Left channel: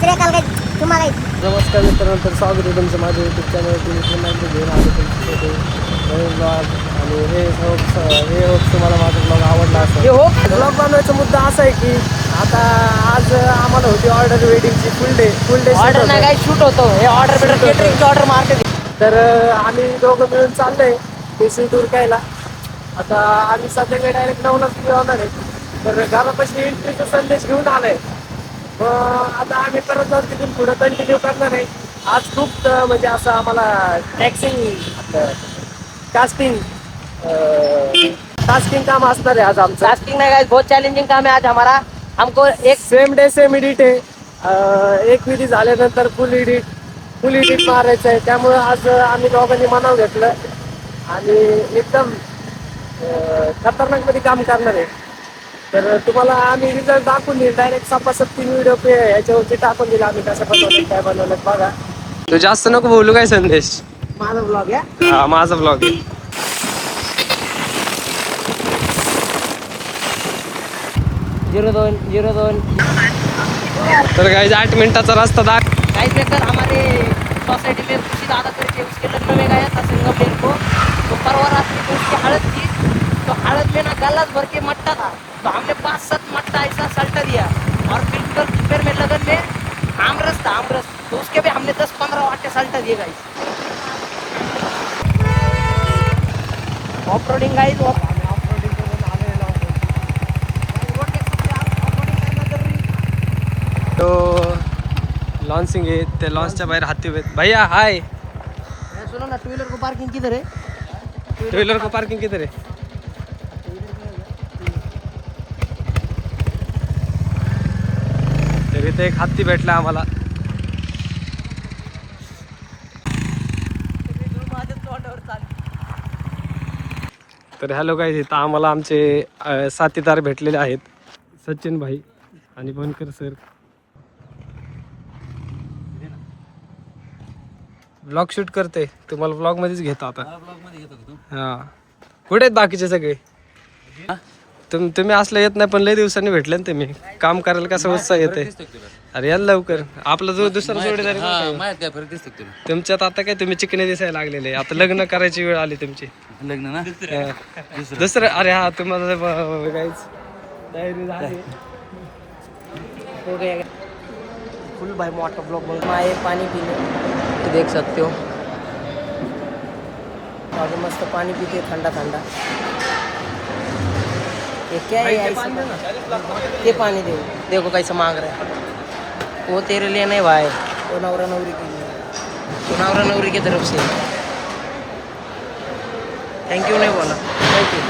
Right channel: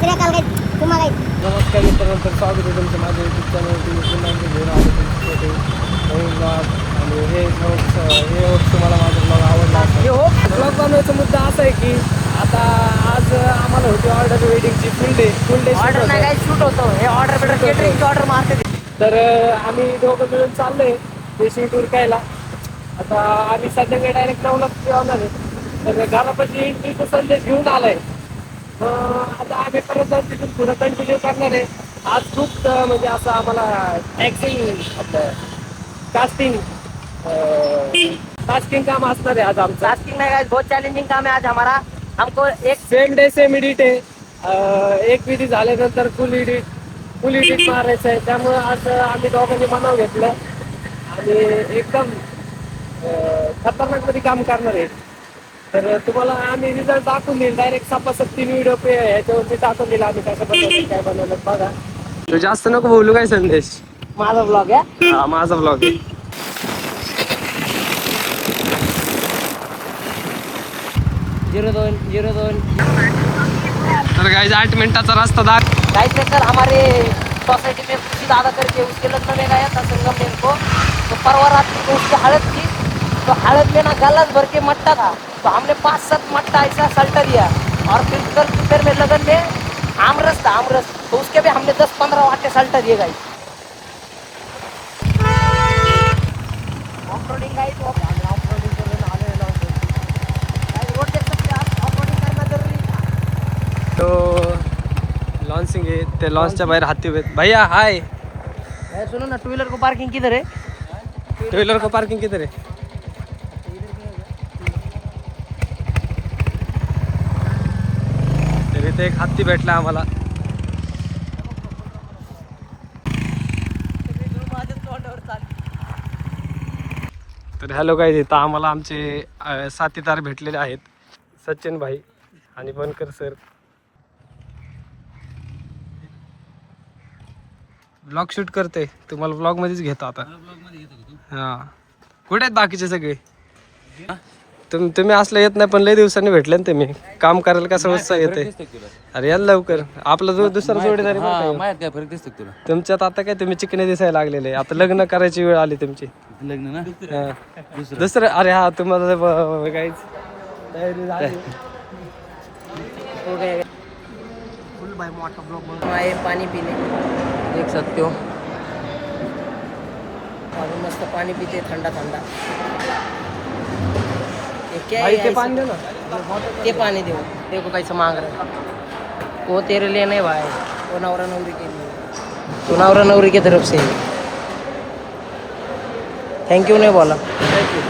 नमस्कार मित्रांनो, तर स्वागत आहे तुमचं माझ्या यूट्यूब चॅनलवरती. मी पुन्हा एकदा घेऊन आलो तुमच्यासाठी नवीन ब्लॉग. आणि हे होप तुम्हाला माझा ब्लॉग आवडला असेल. ब्लॉग बनवायचा मुद्दा असा आहे की आता आज आम्हाला होती ऑर्डर वेडिंगची फुल डे शूट होतो. हे ऑर्डर मारते. तर आम्ही दोघं मिळून चाललोय देशी टूर कायला. आता आम्ही संध्याकाळी डायरेक्ट 9लाच होणार आहे. तर घरापाशी एंट्रीचा संदेश घेऊन आलाय. आता आम्ही परत जाऊन तिथून पुढे कंटिन्यू करणार आहे. आज खूप म्हणजे असं आम्हाला आपलं टास्किंग काम असणार आहे आज आमचं. टास्किंग नहीं गाइस, बहुत चैलेंजिंग काम है आज हमारा. हमको एक सेम डे सेम एडिट आहे. एक विधी झाल्यानंतर फुल एडिट मारायचं आहे. त्यामुळे आज आम्ही दोघांनी मनाव घेतलं आणि एकदम खतरनाक मध्ये काम करणार आहे. तर तुम्हाला आम्ही रिझल्ट दाखवून देईल. डायरेक्ट सपासप 3 व्हिडिओ ह्याच्यावरती टाकून दिला आम्ही कसं बनवलं काय बनवलं बघा. तू जास्त नको बोलू काय संदेश. माझा ब्लॉग आहे. हा माझा ब्लॉग आहे. 02 तर गाइस 8 मिनिटाचा रस्ता गाइस लेकर हमारे सोसाइटी में खुशी दादा करके उसके लग्न में गया था संगमनेर को. तो परवा रात्रि को उसकी हड़द की. तो हड़द में ना गलास भर के मट्टा था. तो हमने 5-7 मट्टा ऐसा सल्टा दिया. और फिर में लगन में आमरस था, आमरस. तो उसके भी हमने 10-15 वाटे सल्टा दिए guys. Off roading guys, off-roading करून आलेलो आहोत. रोड देख सकते हैं आप. ऑफ रोडिंग करना जरूरी था. तो लॉन्चिंग आहे. ते लॉन्चच्या बाहेर हाती भैया हाय. सुनो ना, 2 व्हीलर को पार्किंग किधर है? 2 व्हीलर को पार्किंग किधर आहे? तर इथे एक हत्ती भेटला आम्हाला. तर हॅलो गाईज, इथं आम्हाला आमचे साथीदार भेटलेले आहेत. सचिन भाई आणि बनकर सर. ब्लॉग शूट करते, तुम्हाला ब्लॉग मध्येच घेतो आता. हा कुठे आहेत बाकीचे सगळे? तुम्ही असलं येत नाही, पण लय दिवसांनी भेटले ना तुम्ही. काम करायला कसं उत्साह येते. अरे याल लवकर. आपला जो दुसरा जोडीदार आहे तुमच्यात आता काय तुम्ही चिकने दिसायला लागलेले. आता लग्न करायची वेळ आली तुमची. लग्न ना दुसरं अरे हा तुम्हाला काहीच तयारी झाली. हो गया फुल भाई मोटर ब्लॉक में आए पानी पीने. देख सकते हो अभी मस्त पानी पीते ठंडा ठंडा. ये क्या है यार? ये पानी दो. देखो कैसे मांग रहा है. वो तेरे लिए नहीं भाई, वो नवरा नवरी के लिए. तो नवरा नवरी की तरफ से थैंक यू नहीं बोला. Thank you.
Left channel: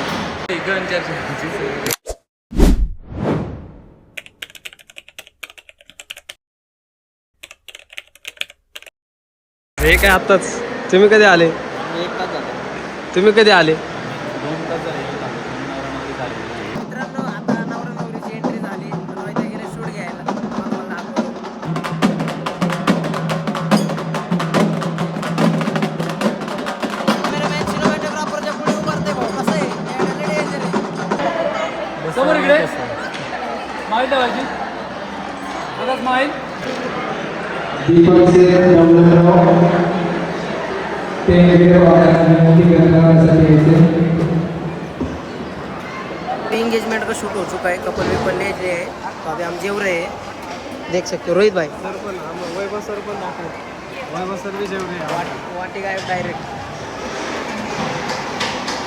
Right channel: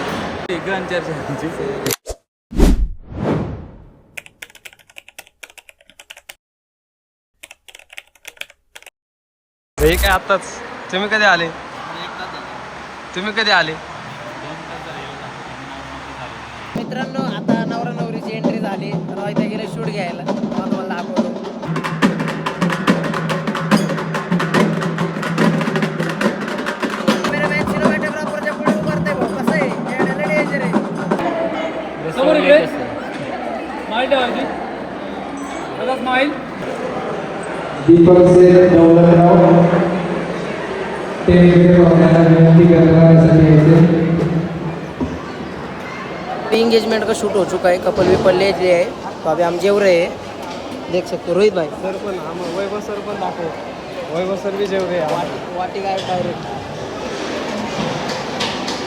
हे काय आत्ताच. तुम्ही कधी आले? तुम्ही कधी आले? मित्रांनो, आता नवरा नवरीची एंट्री झाली. तर इथे गेले शूट घ्यायला. मला दाखवतो. इंगेजमेंट का शूट हो चुका है. कपल विपल ले लिए है. तो अभी हम जेव रहे हैं. देख सकते हो रोहित भाई. सर पण वैभव सर पण दाखव. वैभव सर भी जेवढे वाटी का डायरेक्ट.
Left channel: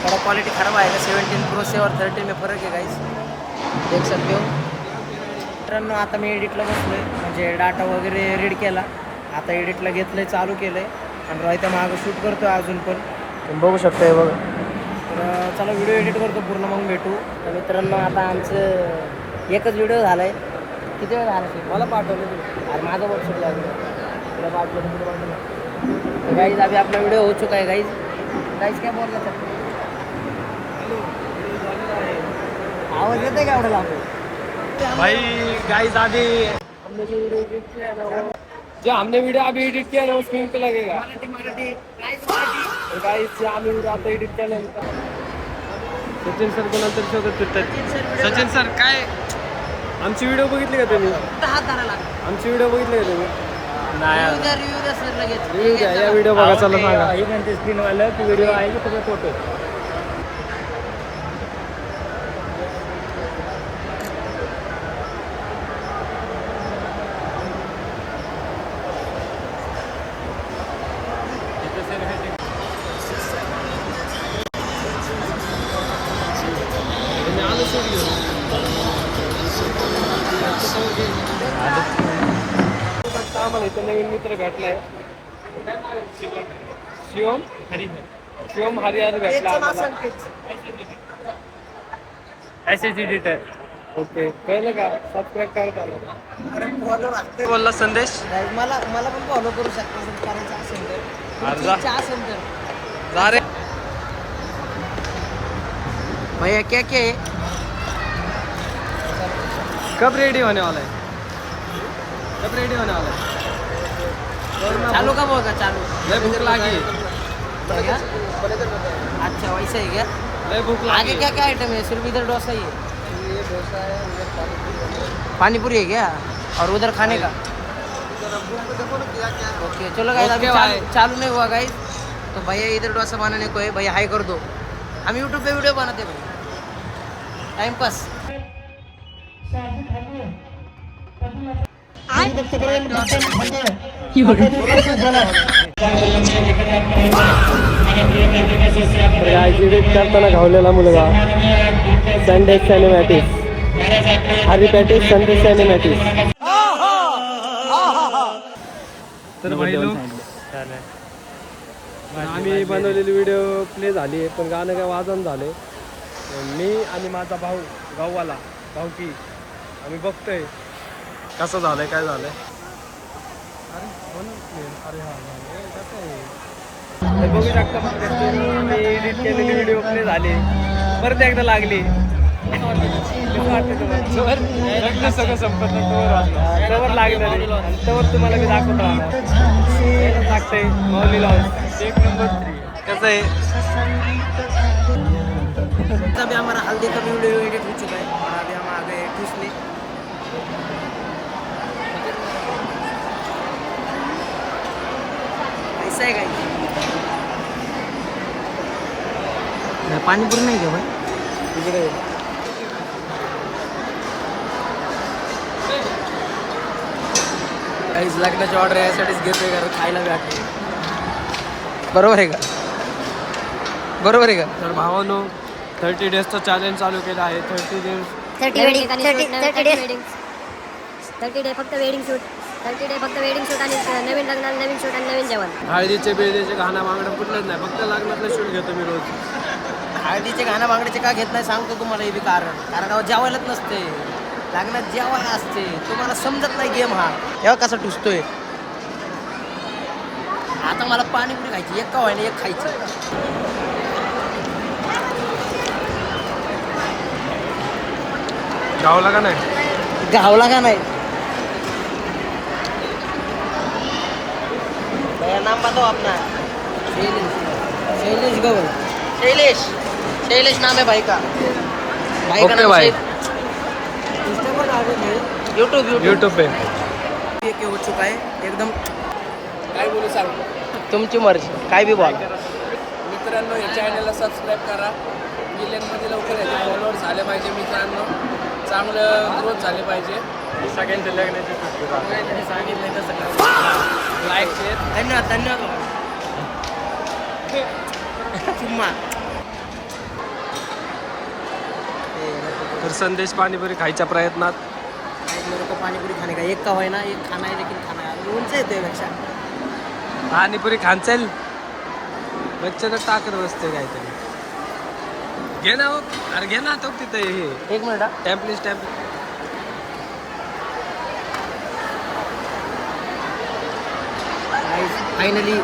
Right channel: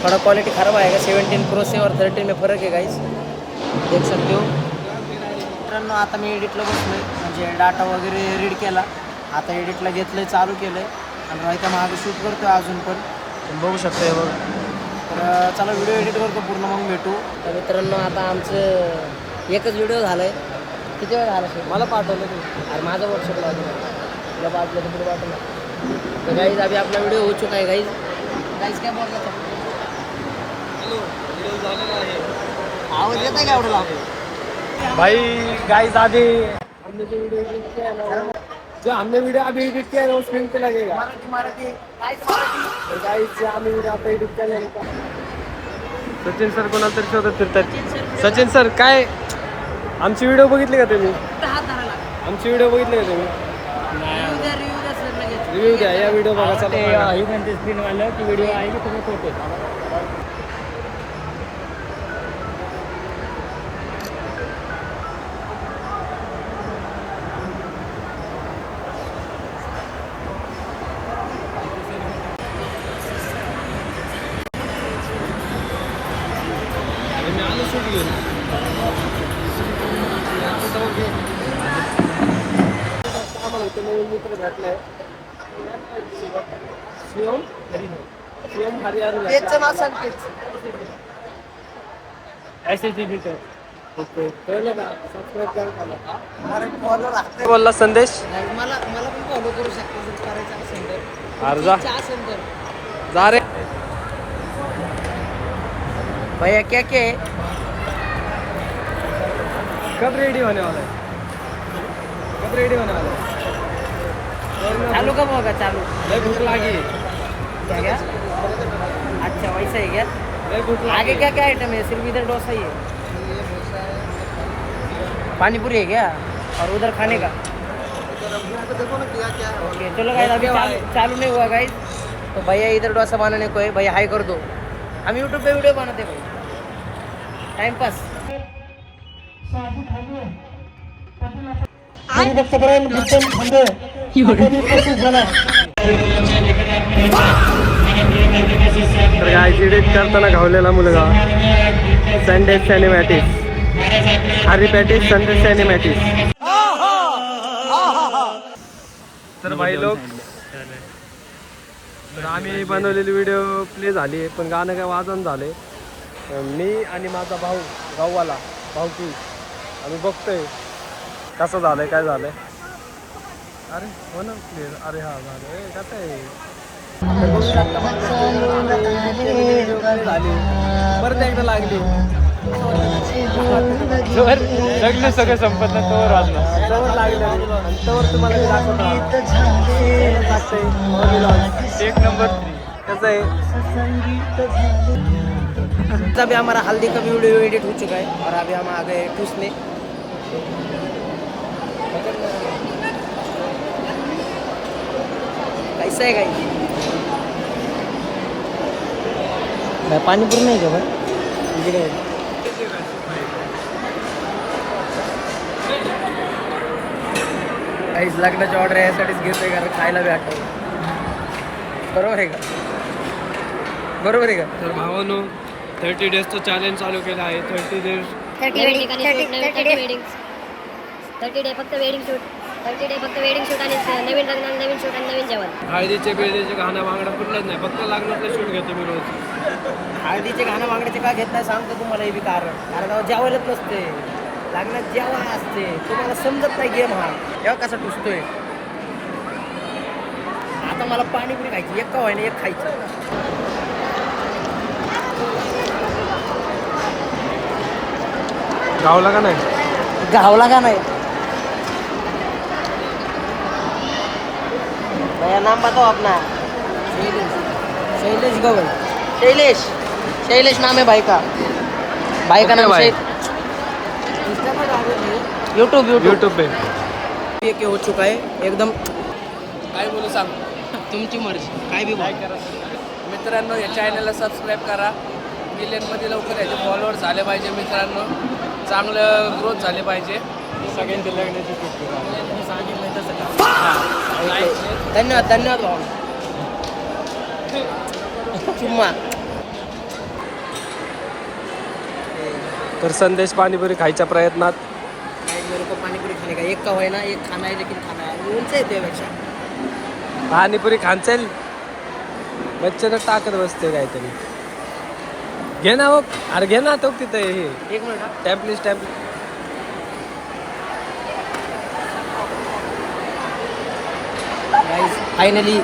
थोड़ा क्वालिटी खराब आएगा. 17 Pro से और 13 में फ़र्क है गाइस. देख सकते हो. मित्रांनो, आता मी एडिटला बसलो आहे. म्हणजे डाटा वगैरे रीड केला. आता एडिटला घेतलं आहे, चालू केलं आहे. आणि रोहित्या मागं शूट करतो आहे अजून पण. तुम्ही बघू शकता हे बघा. तर चला व्हिडिओ एडिट करतो पूर्ण, मग भेटू. तर मित्रांनो, आता आमचं एकच व्हिडिओ झाला आहे. किती वेळ झाला सर? मला पाठवलं तुम्ही. अरे माझा व्हॉट्सअपला आहे तुला पाठवलं तर पुढे पाठवलं. तर गाईज अभी आपला व्हिडिओ हो चुका है. गाईज क्या बोल रहा था? आवाज येत आहे का एवढं लांब? भाई गाइस अभी हमने जो वीडियो एडिट किया है ना, वो जो हमने वीडियो अभी एडिट किया है ना वो स्क्रीन पे लगेगा. मराठी गाईज मराठी. गाइस आम्ही व्हिडिओ आता एडिट केल्यानंतर सचिन सर कोणाला तरी शोधत फिरतात. सचिन सर काय आमची व्हिडिओ बघितली का तुम्ही? आमची व्हिडिओ बघितले का तुम्ही? रिव्ह्यू द्या सर लगेच. रिव्ह्यू द्या, या व्हिडिओ बघा, चला सांगा. स्क्रीनवालं की व्हिडिओ आहे की सगळे फोटो आम्हाला इथे नवीन मित्र भेटलाय. शिवम शिवम हरिहर भेटला आम्हाला. S editor. ओके, कळलं का? सबस्क्राईब करा त्याला. बोलला संदेश. मला मला पण फॉलो करू शकता जर करायचं असेल तर. अर्जा इच्छा असेल तर. जा रे. भैया क्या क्या है? कब रेडी होने वाला है? कब रेडी होने वाला है? चालू कब होगा चालू? लय भूख लगी. क्या क्या? अच्छा वैसा है क्या? लय भूख लगी. आगे क्या क्या आइटम है? सिर्फ इधर डोसा ही है? पानी पूरी है क्या? और उधर खाने का? ओके चलो गाइस, अभी चालू नहीं हुआ गाइस. तो भैया इधर डोसा बनाने को है. भैया हाई कर दो. हम यूट्यूब पे वीडियो बनाते भाई, टाइम पास. तर गाईस एडिट करताना घावलेला मुलगा संडे सिनेमॅटिक्स. हरी पॅटिस संडे सिनेमॅटिक्स. तर भाई लोक, आम्ही बनवलेली व्हिडिओ प्ले झाली आहे, पण गाणं काय वाजन झाले. मी आणि माझा भाऊ गाववाला भाऊकी आम्ही बघतोय कसं झालंय काय झालंय. अरे हो ना प्ले. अरे हा झालं कसं आहे. तर बघू शकता माझ्या channel आम्ही एडिट केलेली व्हिडिओ प्ले झाली, परत एकदा लागली. कसं वाटतं तुम्हाला? लग्न सगळं संपत नाही तवर लागलं रे, आणि तवर तुम्हाला मी दाखवत राहणार. यायलाच लागतंय मौली लॉन्च. 1 नंबर 3. कसं आहे. अभी हमारा हल्दी का वीडियो एडिट हो चुका है और अभी हम आ गए ठूसने. कैसा है गाइस? पानीपुरी नाही का भाई? काहीच लग्नाची ऑर्डर यासाठीच घेतोय, कारण खायला भेटतंय. बरोबर आहे का? बरोबर आहे का? तर भावानो 30 डेजचं चॅलेंज चालू केलं आहे. 30 डेज 30 डे फक्त वेडिंग शूट. 30 डे फक्त वेडिंग शूट आणि नवीन लग्नाला नवीन शूट आणि नवीन जेवण. हळदीचे बिळदीचे घाणा मागणं कुठलंच नाही, फक्त लग्नातलं शूट घेतो मी रोज. हळदीचे गाणं बांगड्याचे का घेत नाही सांगतो तुम्हाला. हे बी कारण तेव्हा जेवायलाच नसते, लग्नात जेवाय असते. तुम्हाला समजत नाही गेम हा. तेव्हा कसा टुसतोय. आता मला पाणीपुरी खायची, एक का व्हायना एक खायची. गावला का नाही? गावला का नाही? नाम बताओ अपना. शैलेश गवल. शैलेश नाम है भाई का. भाई का ओके नाम भाई. इंस्टा पर डालो यूट्यूब यूट्यूब पे. ये हो चुका है एकदम. काय बोलू सांग. तुमची मर्जी, काय बी बोला. मित्रांनो या चॅनलला सबस्क्राईब करा. मिलियनमध्ये लवकर याचे फॉलोअर्स झाले पाहिजे मित्रांनो. चांगलं ग्रोथ झाले पाहिजे. सगळ्यांचं लग्नाची सांगितलं तसं धन्यवाद धन्यवाद भाऊ. चुम्मा. तर संदेश पाणीपुरी खायच्या प्रयत्नात. एक मेरे को पानीपुरी खाने का एक का है ना, एक खाना है लेकिन खाना है उनसे येते पेक्षा. पाणीपुरी खांचेल बच्चेनं टाकत बसते काहीतरी. घे ना मग. अरे घे ना तो तिथे हे. एक मिनिट हा. टॅम्पलीस टॅम्पलीस. गाइस फाइनली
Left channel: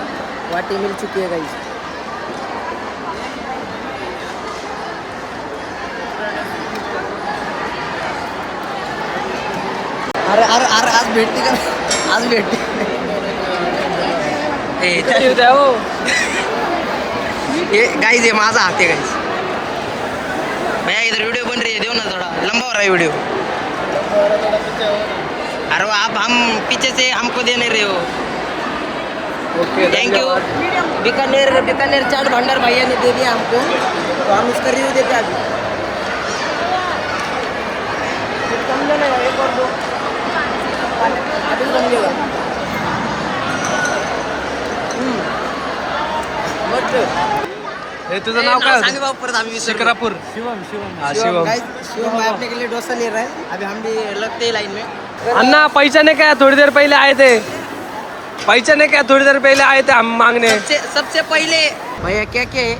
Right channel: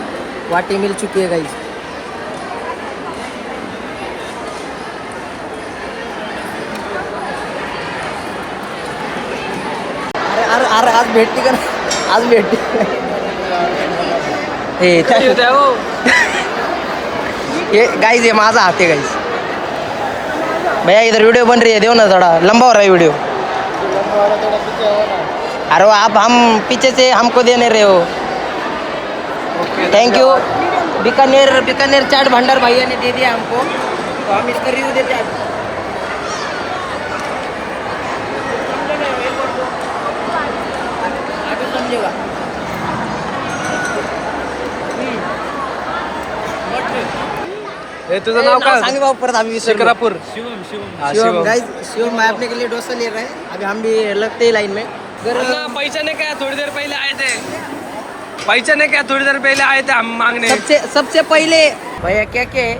वाटी मिल चुकी है गाइस. अरे अरे अरे आज भेटती का? आज भेटती. ये गाइस ये माझा हाथ है गाइस. भैया इधर वीडियो बन रही है, देखो ना थोड़ा लंबा हो रहा है वीडियो. अरे आप हम पीछे से हमको देने रहे हो। Okay, thank you. धन्यवाद। बीकानेर चाट भंडार भैया ने दे दिया हमको, तो हम इसका रिव्यू देते हैं अभी। अभी समझेगा। हे तुझं नाव काय होतं? परत आम्ही विसरलो। शिक्रापूर. शिवम शिवम हा, शिवम शिवम. गाइस, शिवम भाई अपने के लिए डोसा ले रहे हैं। अभी हम भी लगते हैं लाइन में। अन्ना पहचाने क्या, थोड़ी देर पहले आए थे. पहचाने क्या, थोड़ी देर पहले आए थे हम मांगने. सबसे पहले भैया क्या क्या है?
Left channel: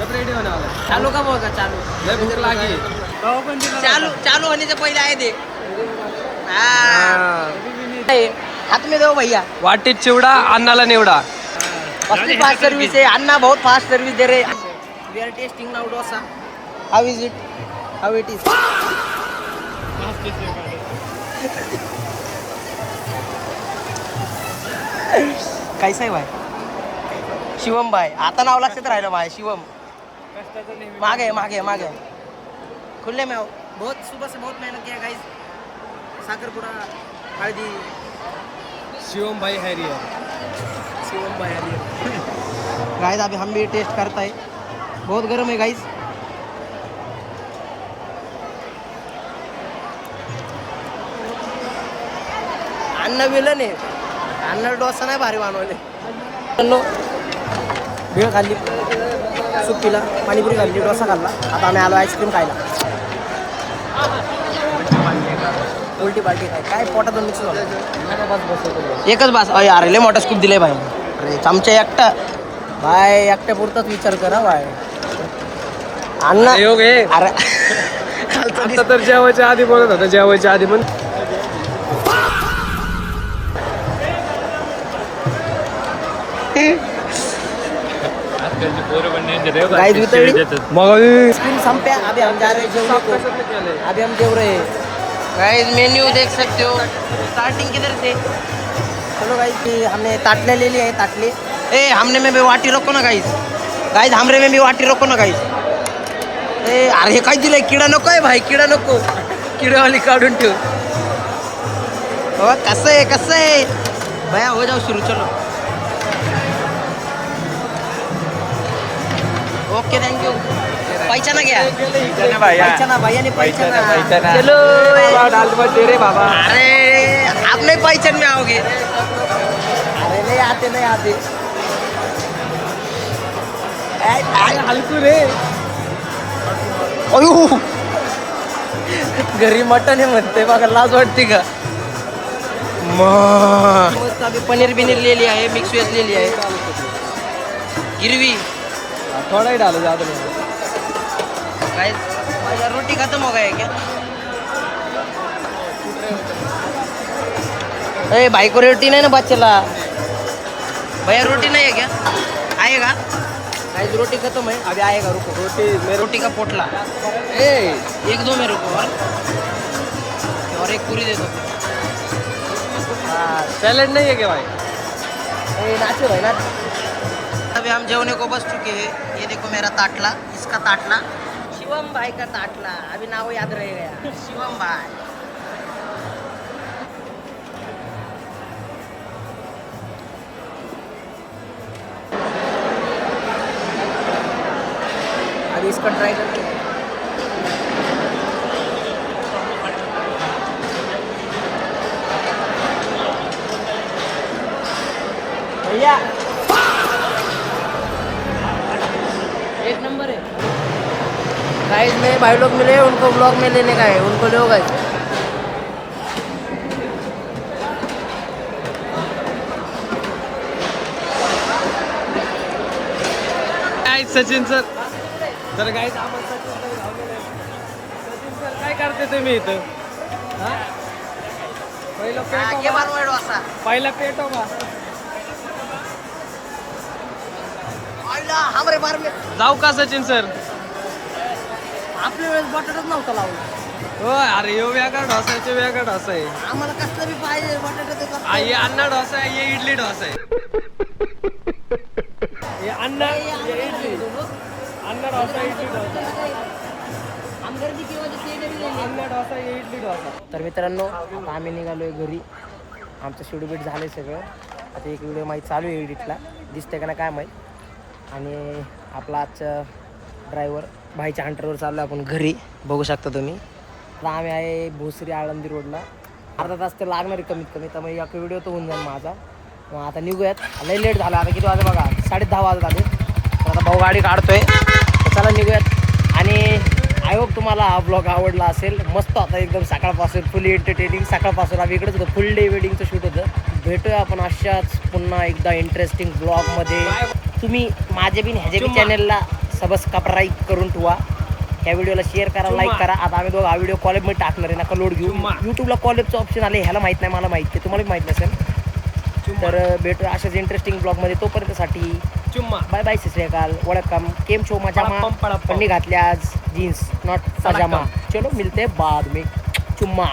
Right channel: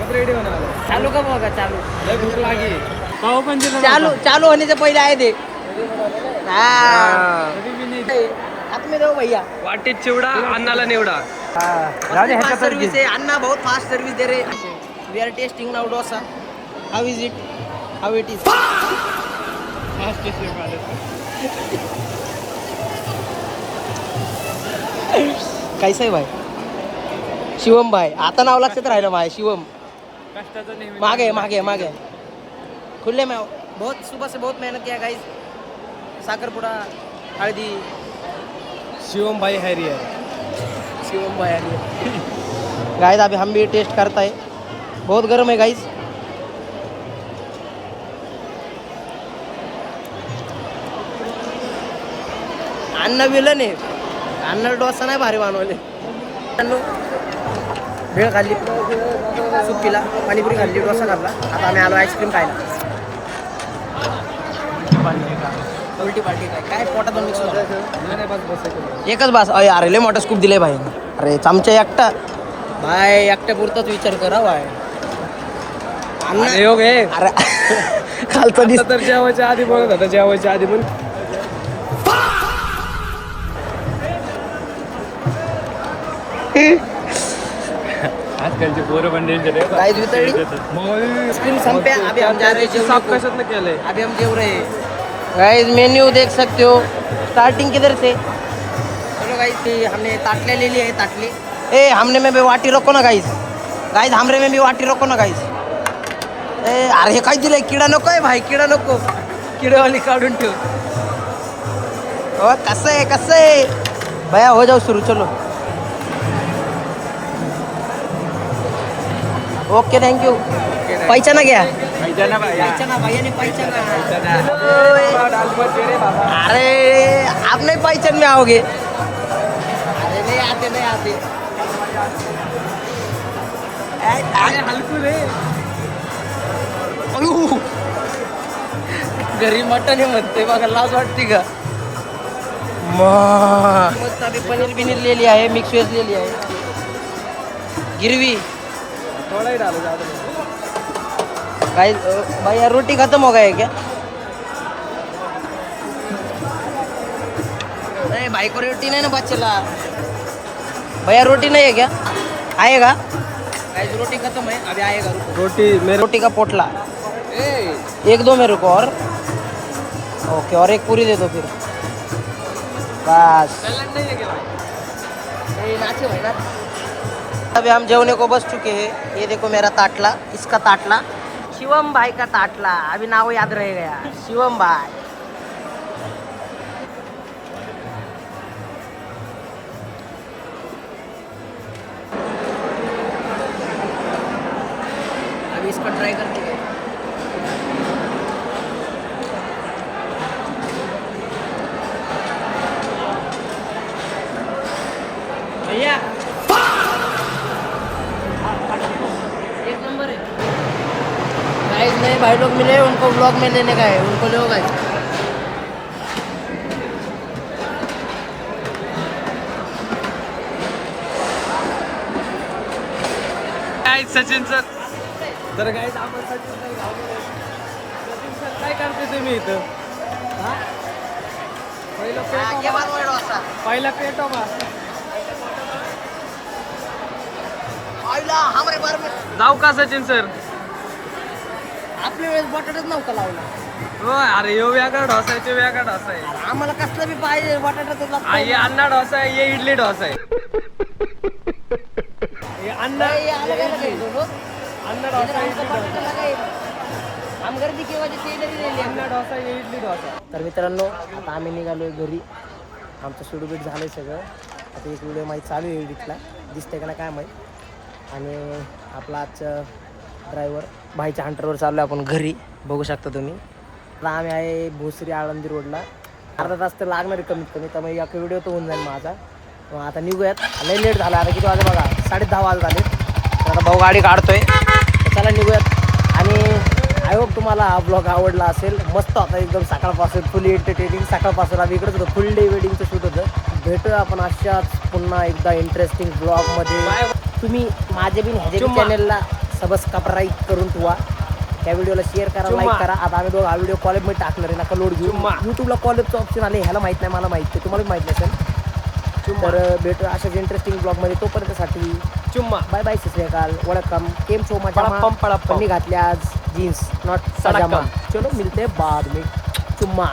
कब रेडी होने वाला है? चालू कब होगा? चालू लय भूक लागी. कवा पण दिलं चालू होने से पहले आए थे। हाँ, हा. हाथ में दो भैया। वाटीत चिवडा, अन्नाला निवडा. फास्ट सर्विस है, अन्ना बहुत फास्ट सर्विस दे रहे। We are testing now dosa. How is it? How it is? कैसा है भाई? शिवम भाई, आता नाव लक्षात राहिलं भाई. शिवम मागे मागे मागे खुले में आओ. बहुत सुबह से बहुत मेहनत किया गाइस. साखरपुडा, हळदी. शिवम भाई हॅरियर. शिवम भाई आ रही गाइस. अभी हम भी टेस्ट करता है. बहुत गर्म है गाइस. अन्न विलन आहे. अन्न डोसा नाही भारी बनवले. भेळ खाल्ली, सूप पिला, पाणीपुरी खाल्ली, डोसा खाल्ला. आता आम्ही आलो आईस्क्रीम खायला. उलटी पालटी काय पोटात मिक्स झालं. एकच बास. अरे लय मोठा स्कूप दिलाय भाई. अरे चमचा एकटा भाई, एकट्या पुरताच विचार करा भाई. अण्णा योग आहे. अरे खालचं दिस. आता तर जेवायच्या आधी बोलत होता, जेवायच्या आधी पण. आजकालचे पोरं पण danger आहे. गाइस वितळली. मग स्कूल संपया. अभी हम जा रहे हैं जेवने को. अभी हम जेव रहे हैं गाइस. मेन्यू देख सकते हो. स्टार्टिंग किधर से? चलो गाइस, हमने ताटले ले लिए है. ताटले ए हमने में भी वाटी रखो ना गाइस. गाइस हमरे में भी वाटी रखो ना गाइस. ए अरे हे काय दिलंय? किडा नको आहे भाई, किडा नको. किडावाली काढून ठेव. हो कसं आहे भैया? हो जाओ सुरू. चलो ओके, थैंक यू. पहचाना गया? पहचाना भैया ने पहचाना. चलो अरे आप नहीं पहचान में आओगे. अरे नहीं आते. हलकू रे. अयो घरी मटन आहे म्हणते बघा, लाज वाटते का? मस्त. अभी पनीर बिनीर ले लिया है, मिक्स वेज ले लिया है, गिरवी. थोड़ा ही डालो ज्यादा. गाइस भैया रोटी खत्म हो गया है क्या? ए भाई को रोटी नहीं ना बात चला. भैया रोटी नहीं है क्या? आएगा गाइस. रोटी खत्म है, अभी आएगा. रुको. रोटी का पोटला एक दो मेरे को. और ओके, और एक पूरी दे दो फिर. बस. सैलेड नहीं है क्या भाई? ये नाचुर है ना. अभी हम जेवने को बस चुके हैं. ये देखो मेरा ताटला, इसका ताटला, शिवम भाई का ताटला. अभी नाव याद रह गया, शिवम भाई. अभी इसका ट्राई करते हैं. भैया एक नंबर है गाइस. नए भाई लोग मिले, उनको ब्लॉग में लेने का है. उनको दो गाइस. काय सचिन सर. तर काय आम्हाला सचिन सर धावलेले आहेत. सचिन सर काय करते तुम्ही इथं? हा, पहिलं पेटो का? हमारे बारे में जाऊ का सचिन सर? आपल्या वेळेस बटाटाच नव्हता लावला. हो, अरे यो वेगळा डोसा आहे, ते वेगळा डोसा आहे. आम्हाला कसलं बी पाहिजे बटाटा. हा, ये अण्णा डोसा आहे, ये इडली डोसा आहे. हे अण्णा, ये इडली. अण्णा डोसा, इडली डोसा. अन्न डोसा इडली डोसा. तर मित्रांनो आता आम्ही निघालोय घरी. आमचं शेड्यूल झालं आहे सगळं. आता एक व्हिडिओ माहीत चालू आहे एडिटला, दिसतंय का ना काय माहीत. आणि आपला आजचं ड्रायव्हर भाईच्या हंटरवर चाललो आपण घरी, बघू शकता तुम्ही. आता आम्ही आहे भोसरी आळंदी रोडला. अर्धा तास तर लागणार आहे कमीत कमी, त्यामुळे एक व्हिडिओ तर होऊन जाईल माझा. मग आता निघूयात. लई लेट झाला, आता किती वाजता बघा, 10:30 वाजत आले. तर आता भाऊ गाडी काढतोय, तर चला निघूयात. आणि आय होप तुम्हाला हा ब्लॉग आवडला असेल. मस्त आता एकदम सकाळपासून फुल एंटरटेनिंग. सकाळपासून आम्ही इकडेच होतो, फुल डे वेडिंगचं शूट होतं. भेटूया आपण अशाच पुन्हा एकदा इंटरेस्टिंग ब्लॉगमध्ये. तुम्ही माझ्या बिन ह्याच्या बी चॅनलला सबस्क्राईब करून ठेवा. त्या व्हिडिओला शेअर करा, लाईक करा. आता आम्ही दोघं हा व्हिडिओ कॉलेजमध्ये टाकणार आहे, नका लोड घेऊ. यूट्यूबला कॉलेजचं ऑप्शन आले, ह्याला माहीत नाही, मला माहिती आहे, तुम्हाला माहीत नसेल. तर भेटूया अशाच इंटरेस्टिंग ब्लॉगमध्ये. तोपर्यंतसाठी बाय बाय, सत श्री अकाल, वेलकम. केम छो मजामा. पन्नी घातली आज जीन्स, नॉट पजामा. चलो मिलते बाद में. चुम्मा.